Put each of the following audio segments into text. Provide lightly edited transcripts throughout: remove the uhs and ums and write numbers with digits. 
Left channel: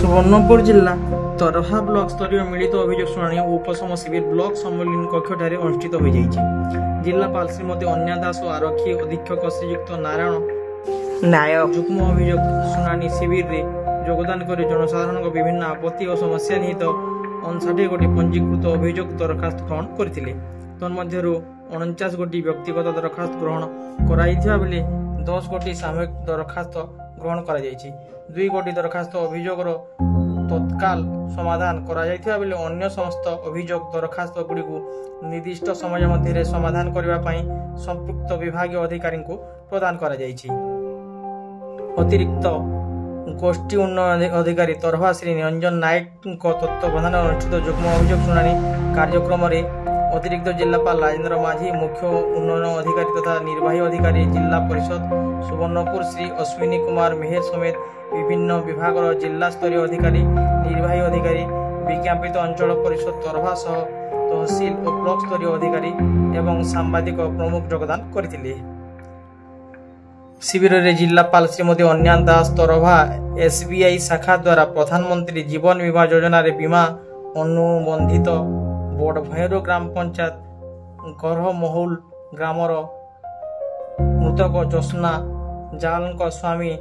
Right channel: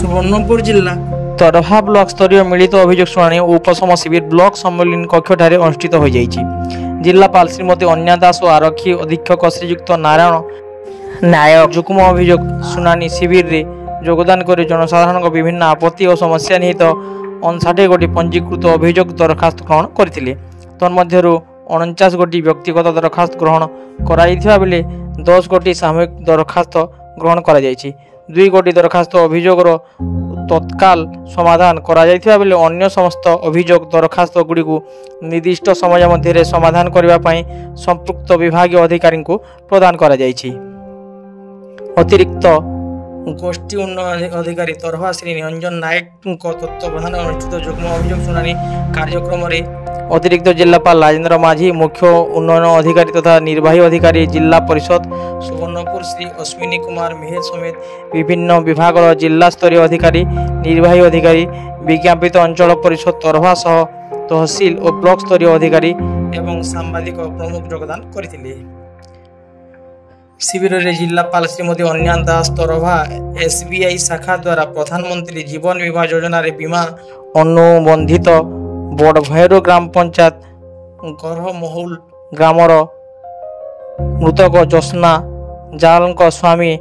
सुवर्णपुर जिला तरभा ब्लॉक स्तरीय मिलित अभियोग शुणाणी और उपशम शिविर ब्लॉक सम्मेलन कक्षठारे अनुष्ठित हो जाइछि। जिलापाल श्रीमती अन्या दास और आरक्षी अधीक्षक श्रीयुक्त नारायण नायक जुग्म अभियोग शुणाणी शिविर रे योगदान कर जनसाधारण विभिन्न आपत्ति और समस्या निहित 59 गोटी पंजीकृत अभियोग दरखास्त ग्रहण करथिले। तन्मध्यरु 49 गोटी व्यक्तिगत दरखास्त ग्रहण कराइथिबा बेले 10 गोटी सामूहिक दरखास्त ग्रहण करा जाइछि। 2 गोटी दरखास्त अभियोगर तत्काल समाधान करा जाइथिबा बेले अन्य समस्त अभियोग दरखास्त गुडी को निर्दिष्ट समय मध्य समाधान करबा पई संपृक्त विभागीय अधिकारी को प्रदान करा जाइछि। अतिरिक्त गोष्ठी उन्नयन अधिकारी तरभा श्री निरंजन नायक तत्वावधान अनुष्ठित जुग्म अभियोग शुणाणी कार्यक्रम रे अतिरिक्त जिलापाल राजेन्द्र माझी, मुख्य उन्नयन अधिकारी तथा निर्वाही अधिकारी जिला परिषद सुवर्णपुर श्री अश्विनी कुमार मेहर समेत विभिन्न विभाग जिला स्तरीय अधिकारी, निर्वाही अधिकारी, विज्ञापित अंचल परिषद तरभा सह तहसील और ब्लॉक स्तरीय अधिकारी एवं सांबादिक प्रमुख योगदान करथिले। शिविर में जिलापाल श्रीमती अन्या दास तरभा SBI शाखा द्वारा प्रधानमंत्री जीवन बीमा योजना रे बीमा अनुबंधित बड़भैरो ग्राम पंचायत गरहमहुल ग्रामर मृतक ज्योत्स्ना जाल स्वामी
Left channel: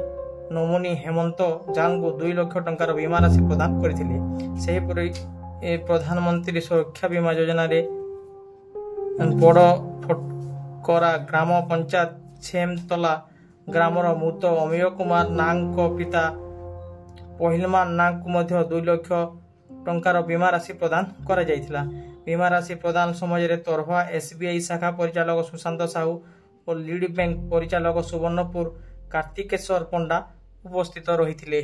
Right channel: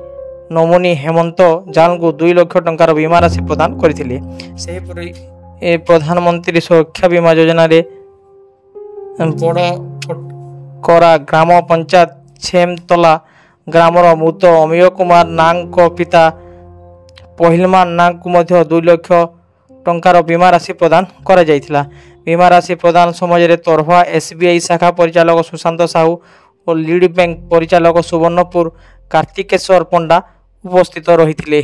नमोनी हेमंत जाल को 2 लाख टंकार बीमा राशि प्रदान करथिले। सेहीपरि प्रधानमंत्री सुरक्षा बीमा योजना रे बड़करा ग्राम पंचायत छेमतला ग्रामर मृत अमीय कुमार नाग पिता पहिलमान नाग को मध्य 2 लाख टंकार बीमा राशि प्रदान करा जायथिला। बीमा राशि प्रदान समय तरभा SBI शाखा परिचालक सुशांत साहू और लीड बैंक परिचालक सुवर्णपुर कार्तिकेश्वर पंडा उपस्थित रहिथिले।